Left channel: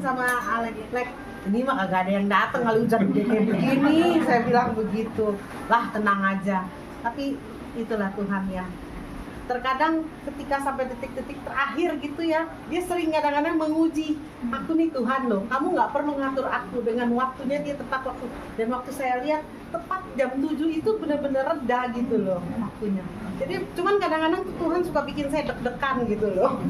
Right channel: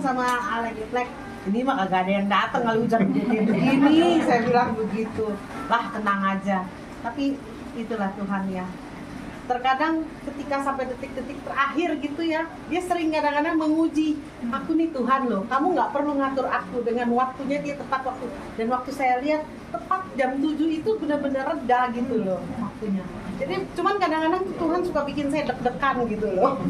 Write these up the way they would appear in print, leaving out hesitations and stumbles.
sama Alex, ini mah kagak ada yang datang kalau hujan kayak begini. Saya bilang begitu. Lah tenang aja. Tapi itulah Tuhan ya. Terkadang ketika sampai detik-detik terakhir gitu ya, dia sering kadang-kadang menguji aku nih Tuhan loh, kamu nggak perlu ngatur aku dengan waktunya, dia tepat waktu. Dan waktu saya lihat tepat jam 7 itu benar-benar reda gitu loh waktunya. Jadi cuman kadang-kadang Tuhan suka bikin saya deg-degan gitu loh.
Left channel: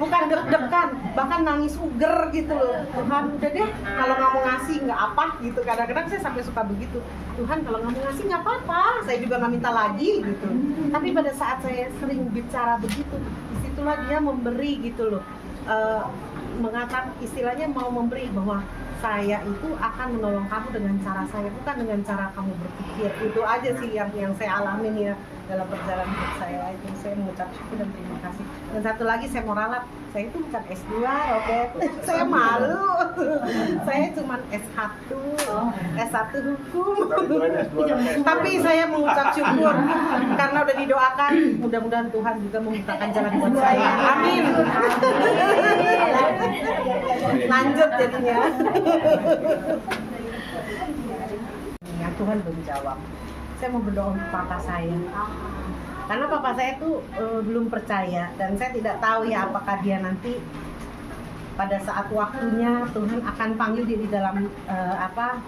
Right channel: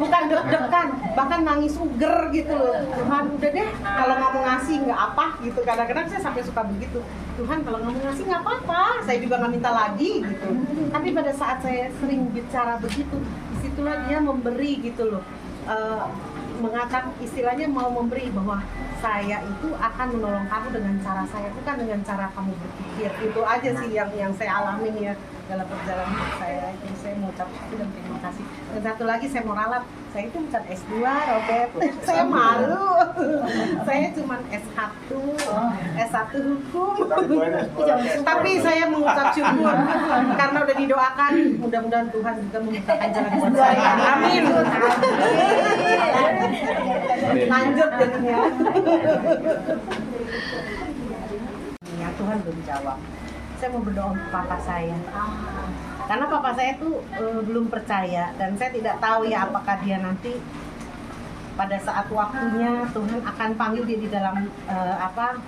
Bukan deg-degan, bahkan nangis uger gitu loh. Tuhan udah deh, kalau nggak mau ngasih nggak apa gitu. Kadang-kadang saya sampai suka begitu. Tuhan kalau nggak mau ngasih nggak apa-apa, saya juga nggak minta lagi gitu. Tapi pada saat saya sering bicara begitu, disitulah dia memberi gitu loh. Mengatakan istilahnya mau memberi bahwa saya itu akan menolong kamu dengan cara saya, bukan dengan cara kamu berpikir. Itu aja sih yang saya alamin ya dalam perjalanan hidup saya. Itu saya mengucap syukur dan terima kasih. Dan satu lagi saya mau ralat, saya itu bukan S2 Robert, saya malu. Saya cuma S1, S1 hukum. Tapi saya mengucap syukur karena udah didoakan, mudah-mudahan Tuhan juga membukakan jalan buat saya. Amin. Lanjut jadinya. Ya, Tuhan belum jawab. Saya mau berdoa untuk papa saya. Karena papa saya tuh belum percaya dan saya tidak tahu ya apakah dia nanti pada saat waktunya Tuhan akan panggil dia di dalam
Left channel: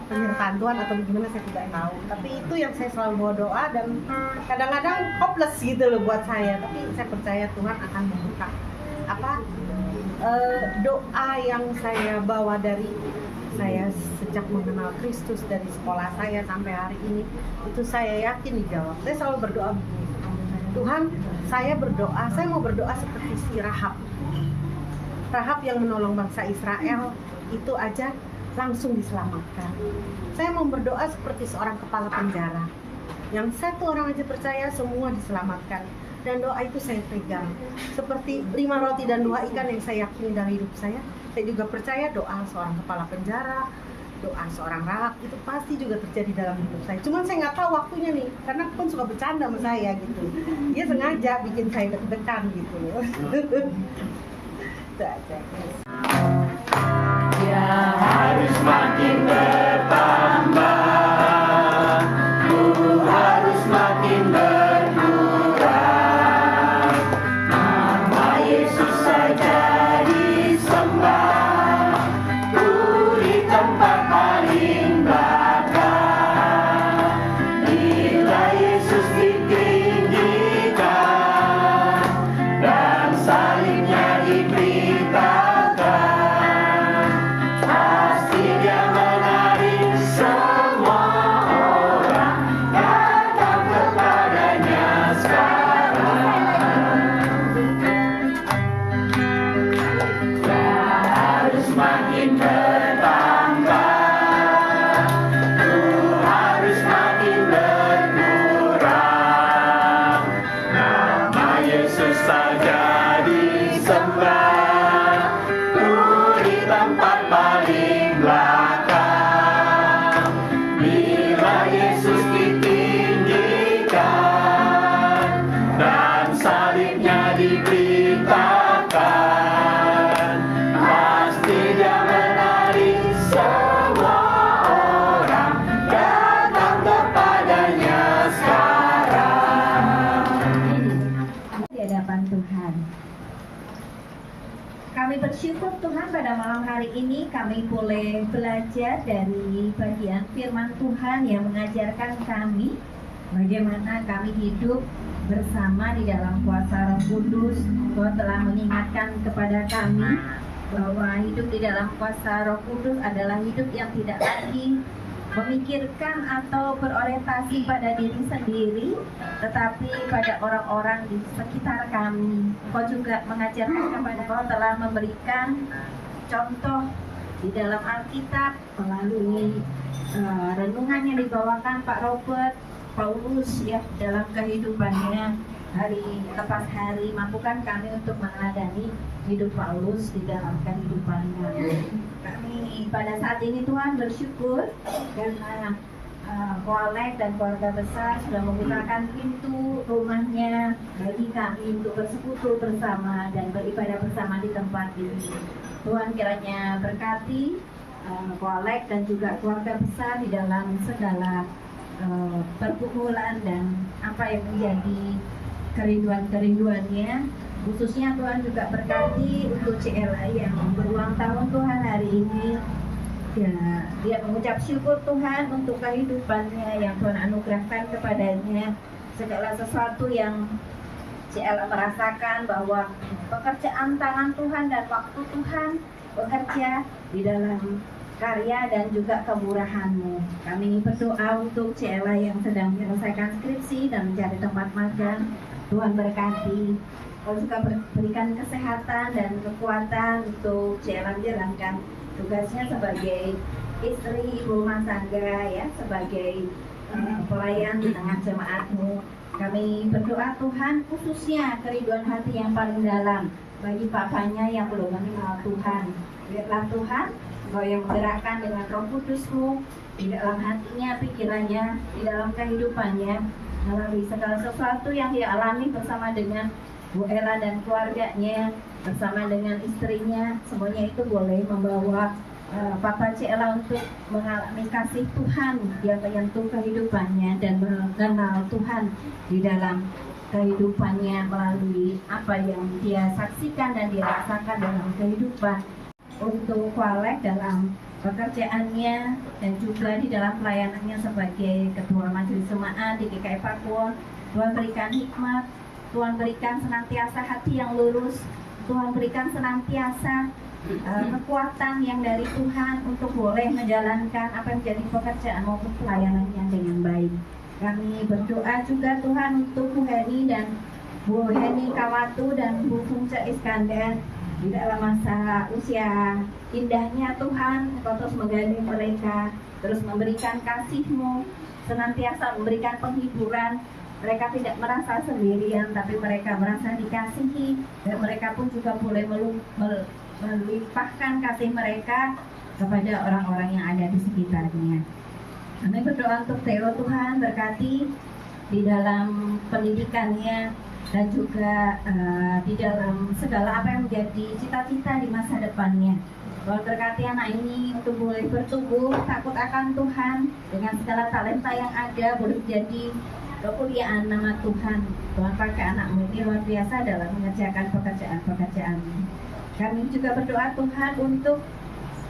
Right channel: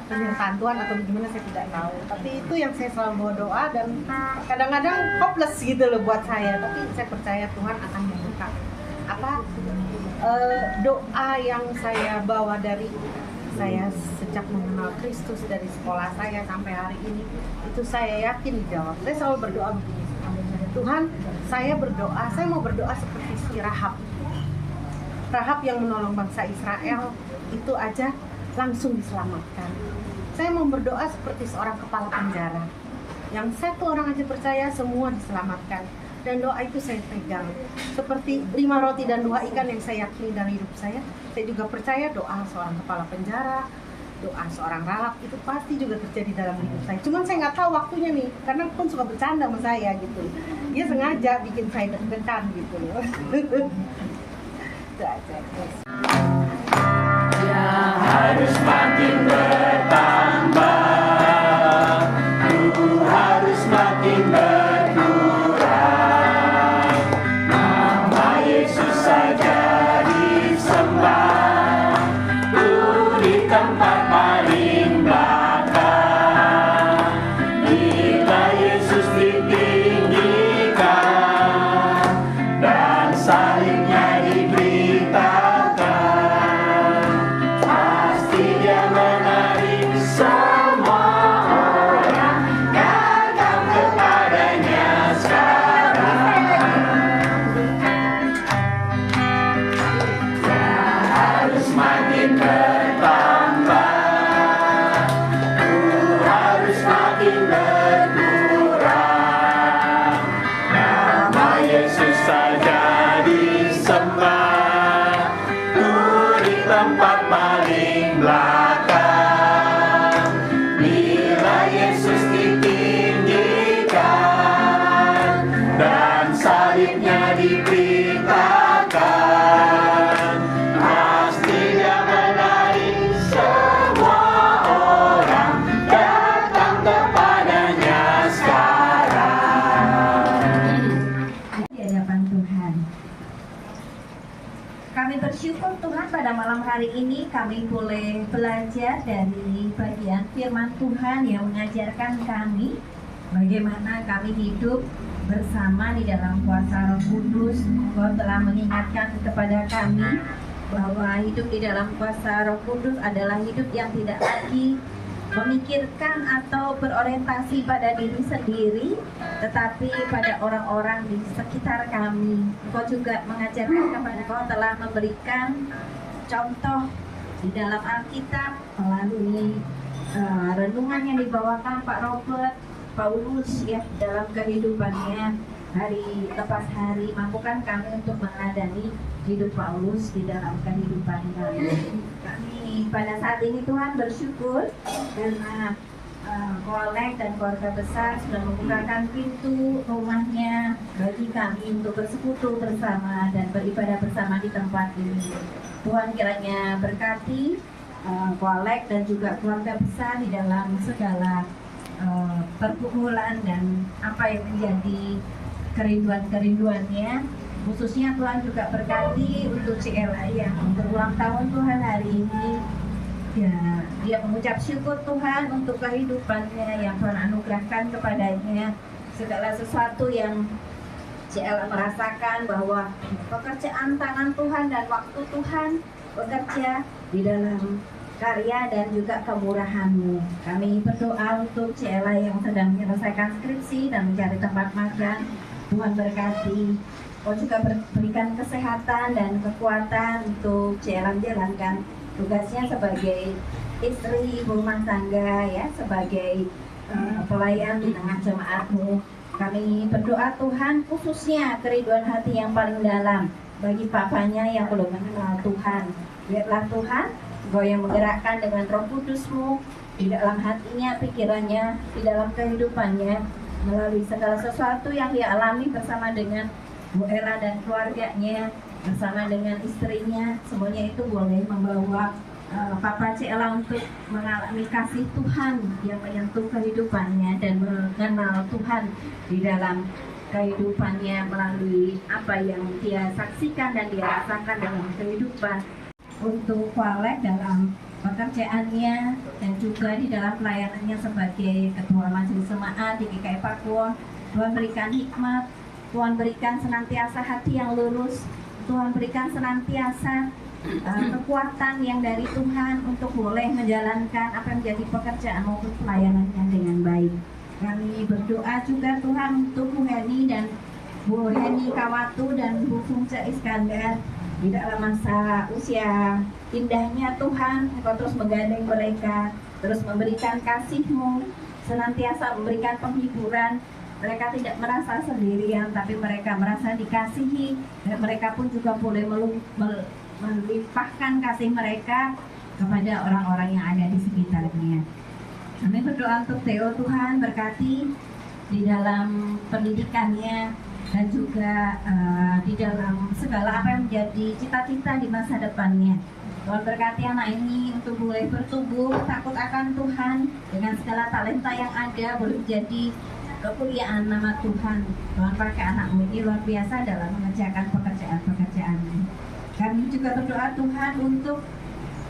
penyertaan Tuhan atau gimana, saya tidak tahu. Tapi itu yang saya selalu bawa doa dan kadang-kadang hopeless gitu loh buat saya. Tapi saya percaya Tuhan akan membuka doa yang saya bawa dari saya sejak mengenal Kristus, dari sekolah saya sampai hari ini, itu saya yakin dijawab. Saya selalu berdoa begini, Tuhan, saya berdoa, saya mau berdoa seperti si Rahab yang menolong bangsa Israel, itu aja langsung diselamatkan. Saya mau berdoa seperti seorang kepala penjara, yang satu orang aja percaya semua diselamatkan. Dan doa itu saya pegang seperti 5 roti dan 2 ikan yang saya yakini dalam hidup saya. Saya juga percaya doa seorang kepala penjara, doa seorang Rahab itu pasti juga terjadi dalam hidup saya. Cuman saya nggak tahu waktunya nih, karena pun suka bercanda sama saya gitu. Dia sengaja bikin saya deg-degan gitu loh. Itu aja. Yang harus makin bertambah, ku harus makin berkurang. Nama Yesus saja disembah, ku di tempat paling belakang. Bila Yesus ditinggikan dan salibnya diberitakan, pasti dia menarik semua orang datang kepadanya sekarang. Dia harus makin bertambah, ku harus makin berkurang. Nama Yesus saja disembah, ku di tempat paling belakang. Bila Yesus ditinggikan dan salibnya diberitakan, pasti dia menarik semua orang datang kepadanya sekarang. Di hadapan Tuhan, kami bersyukur Tuhan pada malam hari ini kami boleh belajar dari bagian firman Tuhan yang mengajarkan kami bagaimana kami hidup bersama di dalam kuasa Roh Kudus. Engkau telah mengingatkan kepada kami bahwa hidup di dalam kuasa Roh Kudus adalah hidup yang tidak lagi memikirkan atau berorientasi pada diri sendiri, tetapi pada orang-orang di sekitar kami. Engkau juga mengajarkan kepada Engkau telah memberikan contoh di dalam Alkitab melalui renungan yang dibawakan Pak Robert, Paulus ya dalam kehidupannya hari lepas hari. Mampukan kami untuk meneladani hidup Paulus di dalam kehidupan kami. Kami pada saat ini Tuhan bersyukur karena Kolek dan keluarga besar sudah membukakan pintu rumahnya bagi kami untuk bersekutu bersama dan beribadah bersama di tempat ini. Tuhan kiranya berkati Kolek dan juga keluarga besar di dalam segala pergumulan dan apa yang menjadi kerinduan-kerinduannya. Khususnya Tuhan juga berkati untuk CLA yang berulang tahun Tuhan hari ini. Ya, dia mengucap syukur Tuhan untuk kehidupannya yang Tuhan anugerahkan kepadanya. Segala sesuatu yang CLA merasakan bahwa pekerjaan tangan Tuhan dan waktu Tuhan bekerja di dalam karya dan juga kemurahan-Mu. Kami berdoa untuk CLA yang sedang menyelesaikan skripsi dan mencari tempat magang. Tuhan berkati. Tuhan juga berikan kesehatan dan kekuatan untuk CLA menjalankan tugasnya sebagai istri ibu rumah tangga, ya, sebagai pelayan di tengah jemaat-Mu. Kami berdoa Tuhan khususnya kerinduan hati yang paling dalam bagi papanya yang belum mengenal Tuhan. Biarlah Tuhan Engkau yang menggerakkan dengan Roh Kudus-Mu di dalam hatinya, pikirannya, di dalam kehidupannya, melalui segala sesuatu yang dia alami bersama dengan Bu Ella dan keluarganya, bersama dengan istrinya. Semuanya itu boleh membawa Papa CLA untuk mengalami kasih Tuhan yang menyentuh kehidupannya dan mengenal Tuhan di dalam kehidupannya melalui apa yang dia saksikan dan dirasakan dalam kehidupan. Untuk Kolek dalam pekerjaannya dan juga di dalam pelayanannya sebagai Ketua Majelis Jemaat di GKI Pakuwon, Tuhan berikan hikmat, Tuhan berikan senantiasa hati yang lurus, Tuhan berikan senantiasa kekuatan yang dari Tuhan untuk boleh menjalankan apa yang menjadi pekerjaan maupun pelayanannya dengan baik. Kami berdoa juga Tuhan untuk Bu Heni dan Bu Heni Kawatu dan Bu Fungce Iskandar di dalam masa usia indahnya. Tuhan, Engkau terus menggandeng mereka, terus memberikan kasih-Mu, senantiasa memberikan penghiburan. Mereka tidak merasa sendirian, tapi mereka merasa dikasihi, dan mereka pun juga boleh melimpahkan kasih mereka kepada orang-orang yang ada di sekitarnya. Kami berdoa untuk Theo, Tuhan berkati di dalam pendidikannya dan juga di dalam segala apa yang menjadi cita-cita di masa depannya. Tuhan berkati anak ini untuk boleh bertumbuh takut akan Tuhan dengan segala talenta yang ada, boleh menjadi kemuliaan nama Tuhan. Tuhan pakai anakmu ini luar biasa dalam mengerjakan pekerjaan-pekerjaannya. Kami juga berdoa Tuhan untuk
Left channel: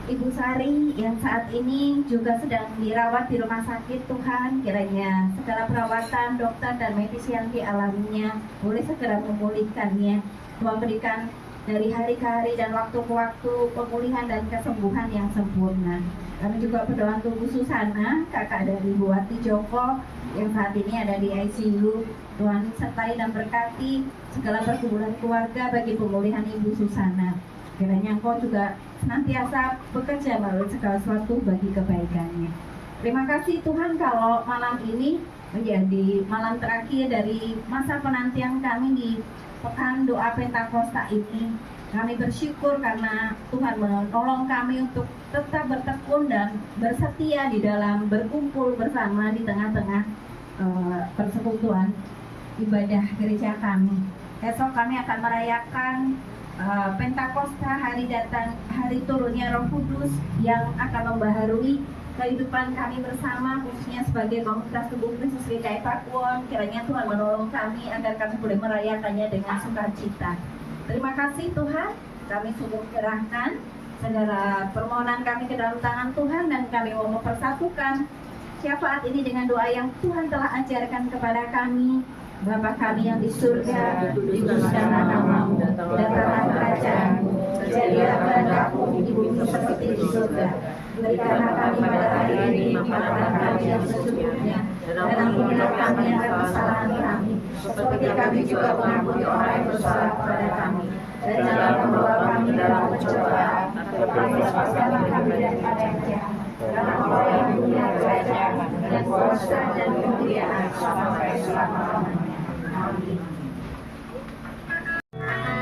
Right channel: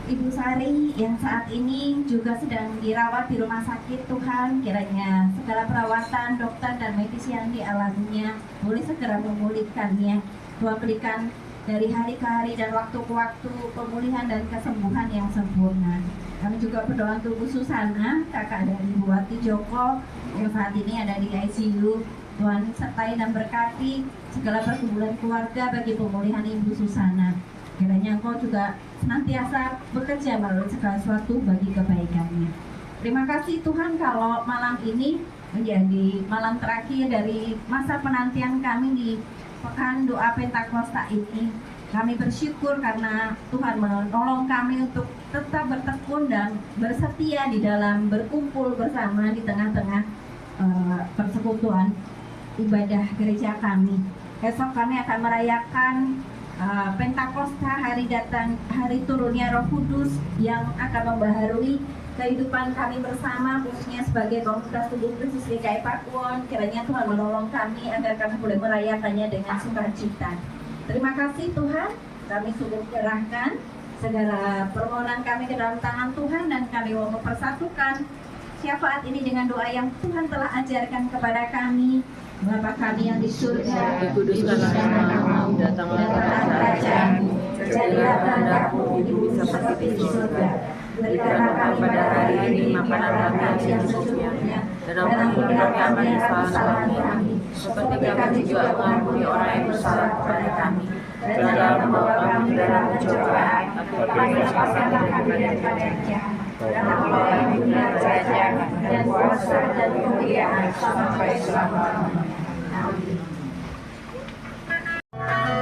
Ibu Sari yang saat ini juga sedang dirawat di rumah sakit. Tuhan, kiranya segala perawatan dokter dan medis yang dialaminya boleh segera memulihkannya. Tuhan berikan dari hari ke hari dan waktu ke waktu pemulihan dan kesembuhan yang sempurna. Kami juga berdoa untuk Bu Susana, kakak dari Bu Wati Joko yang saat ini ada di ICU. Tuhan sertai dan berkati segala pergumulan keluarga bagi pemulihan Ibu Susana. Kiranya Engkau juga senantiasa bekerja melalui segala sesuatu bagi kebaikannya. Terima kasih Tuhan kalau malam ini menjadi malam terakhir dari masa penantian kami di Pekan Doa Pentakosta ini. Kami bersyukur karena Tuhan menolong kami untuk tetap bertekun dan bersetia di dalam berkumpul bersama di tengah-tengah persekutuan ibadah gereja kami. Esok kami akan merayakan Pentakosta, hari turunnya Roh Kudus yang akan membaharui kehidupan kami bersama, khususnya sebagai komunitas tubuh Kristus GKI Pakuwon. Kiranya Tuhan menolong kami agar kami boleh merayakannya dengan sukacita. Terima kasih Tuhan, kami sudah menyerahkan segala permohonan kami ke dalam tangan Tuhan dan kami mau mempersatukan syafaat ini dengan doa yang Tuhan telah ajarkan kepada kami. Bapa kami yang di surga, dikuduskanlah namamu, datanglah kerajaanmu, terjadilah kehendakmu di bumi seperti di surga. Berikanlah kami pada hari ini makanan kami yang secukupnya, dan ampunilah kami akan kesalahan kami, seperti kami juga mengampuni orang yang bersalah kepada kami. Dan jangan membawa kami dalam pencobaan, tetapi lepaskanlah kami daripada yang jahat. Karena Engkau yang punya kerajaan dan kuasa dan kemuliaan sampai selama-lamanya. Amin. Bapa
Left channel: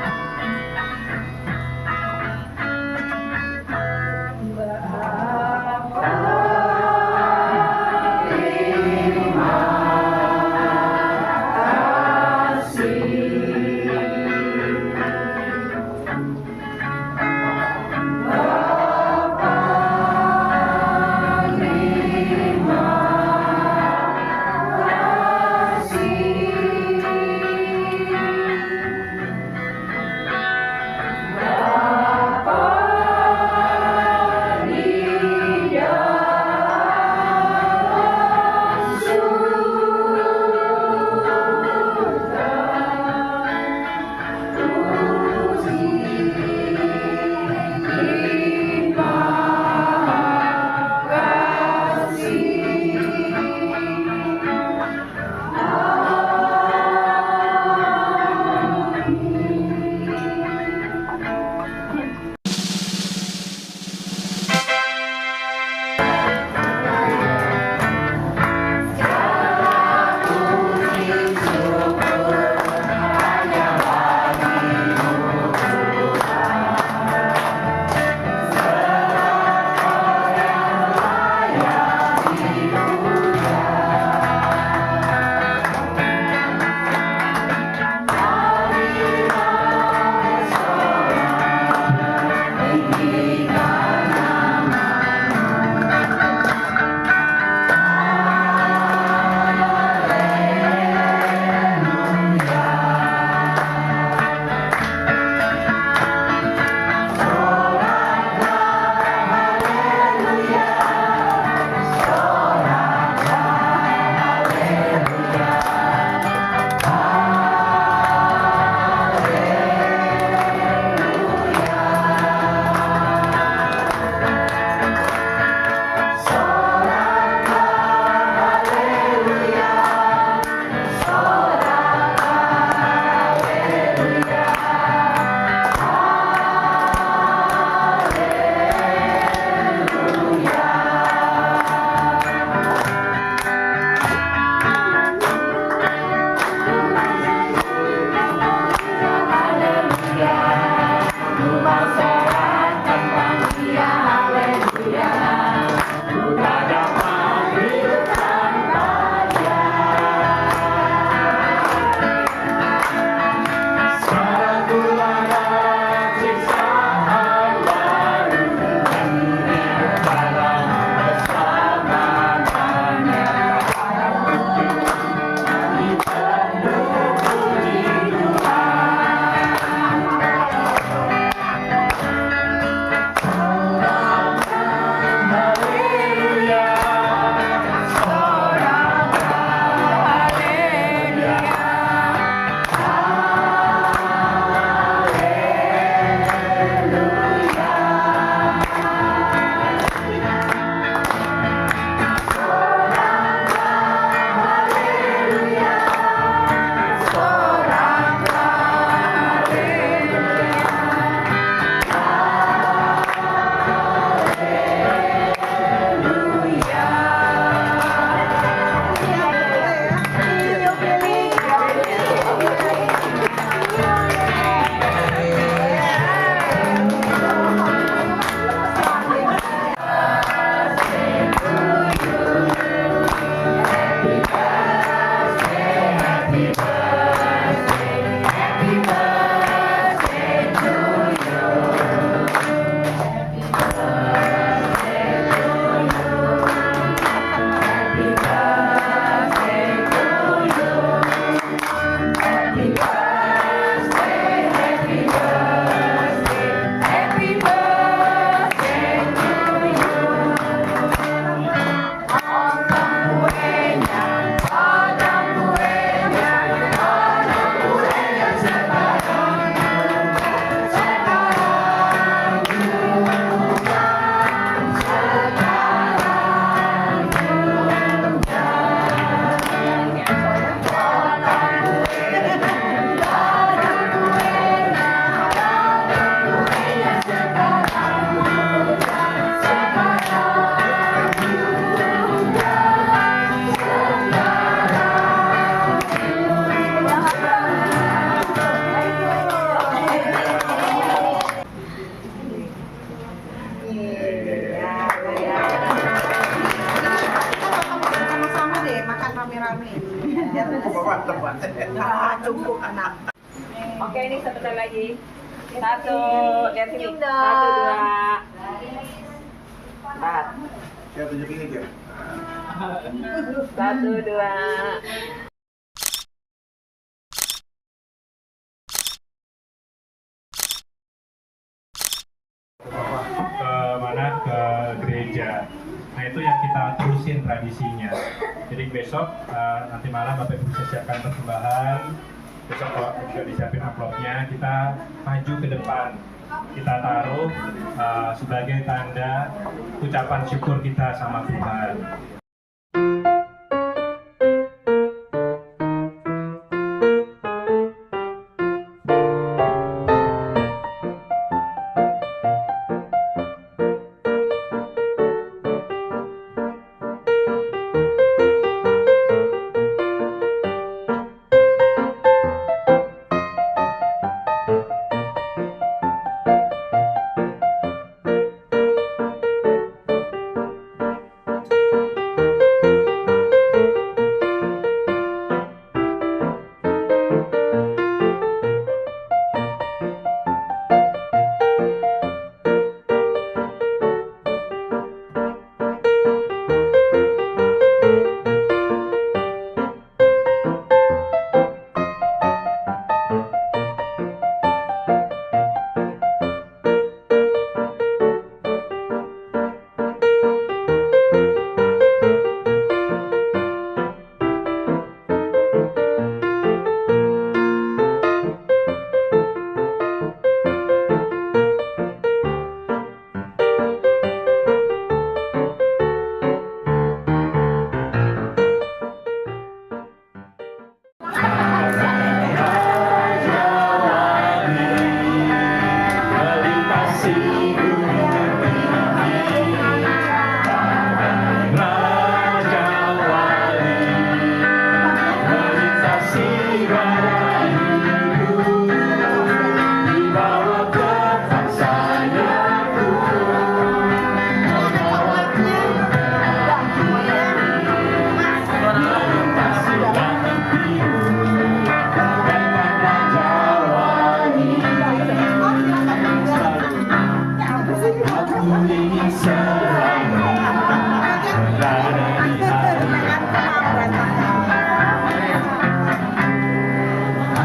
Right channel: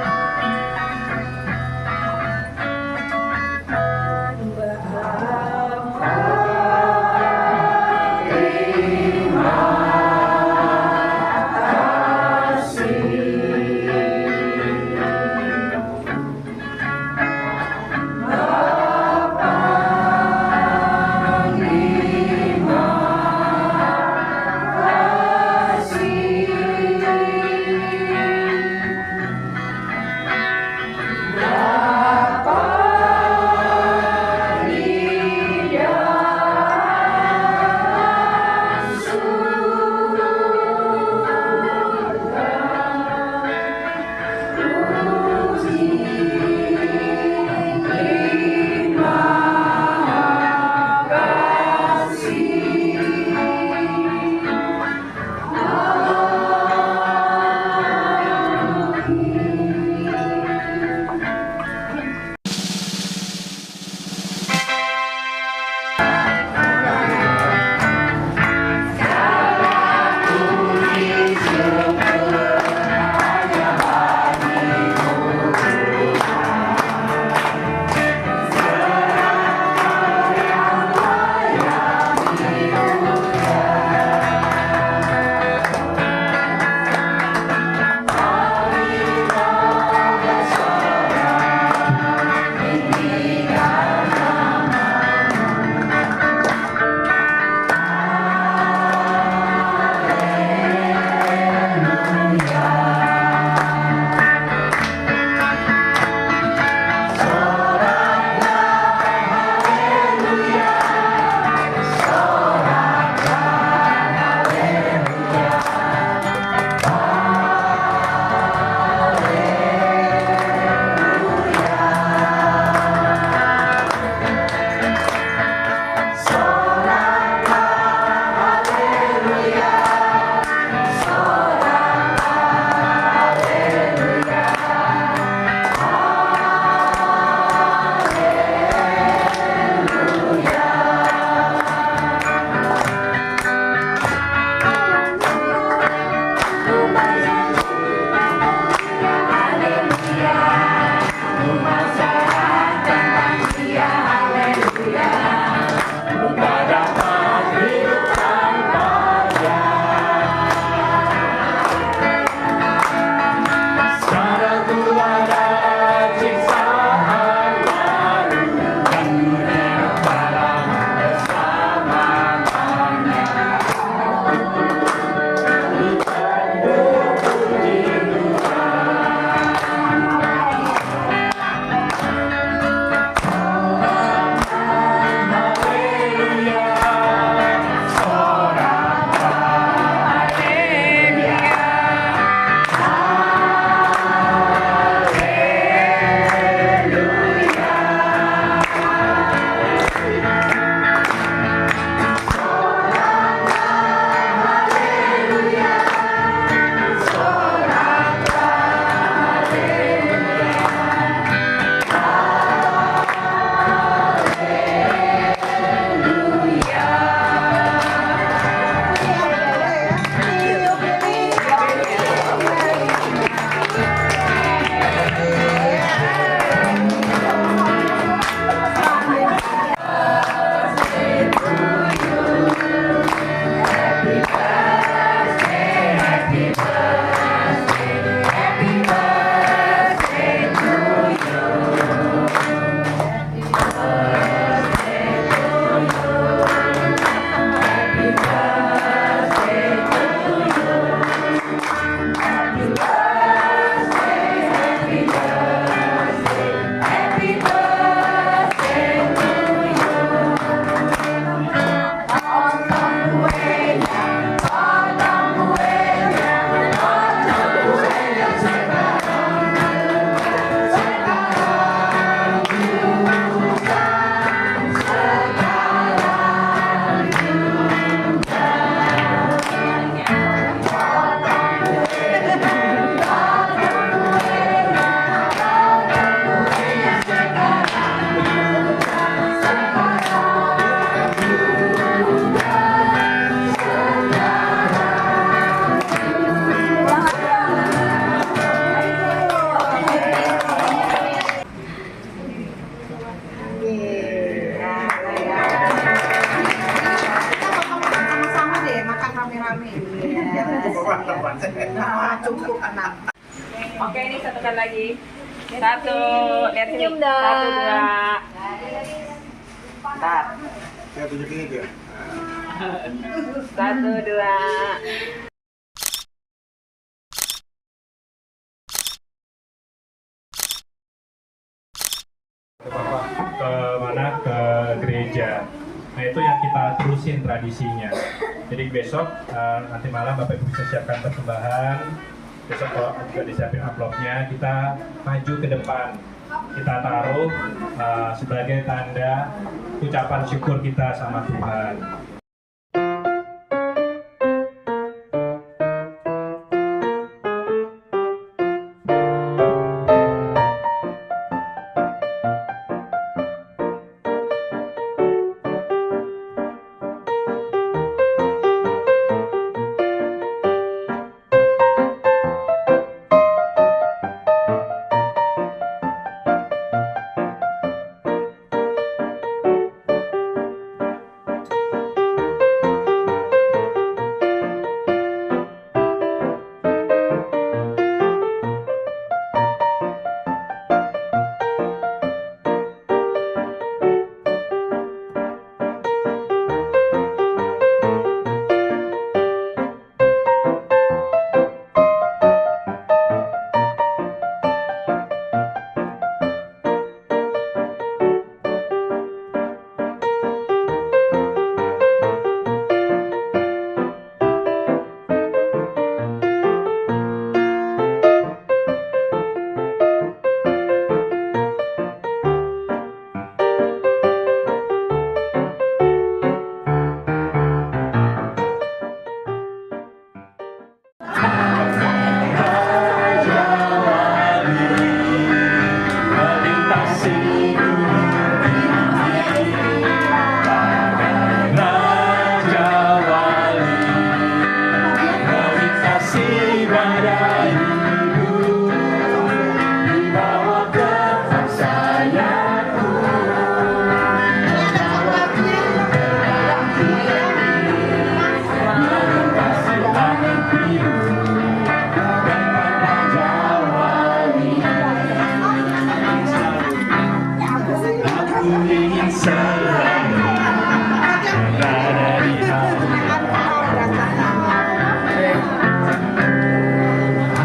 Nah, cukup anak. Oke, ini satu kali lagi. Satu, lihat sini. Senyum dong. Satu, dua. Bentar. Ya tunjukin ini ya. Satu, dua. Ke mana, ke gereja. Nah itu yang kita terusin tradisinya. Jadi besok nanti malam Bapak Ibu bisa siapkan persembahan. Besok kalau juga disiapin amplopnya, kita maju ke depan. Kita taruh sebagai tanda ucapan syukur kita sama Tuhan.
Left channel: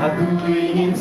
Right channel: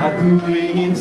Aku ingin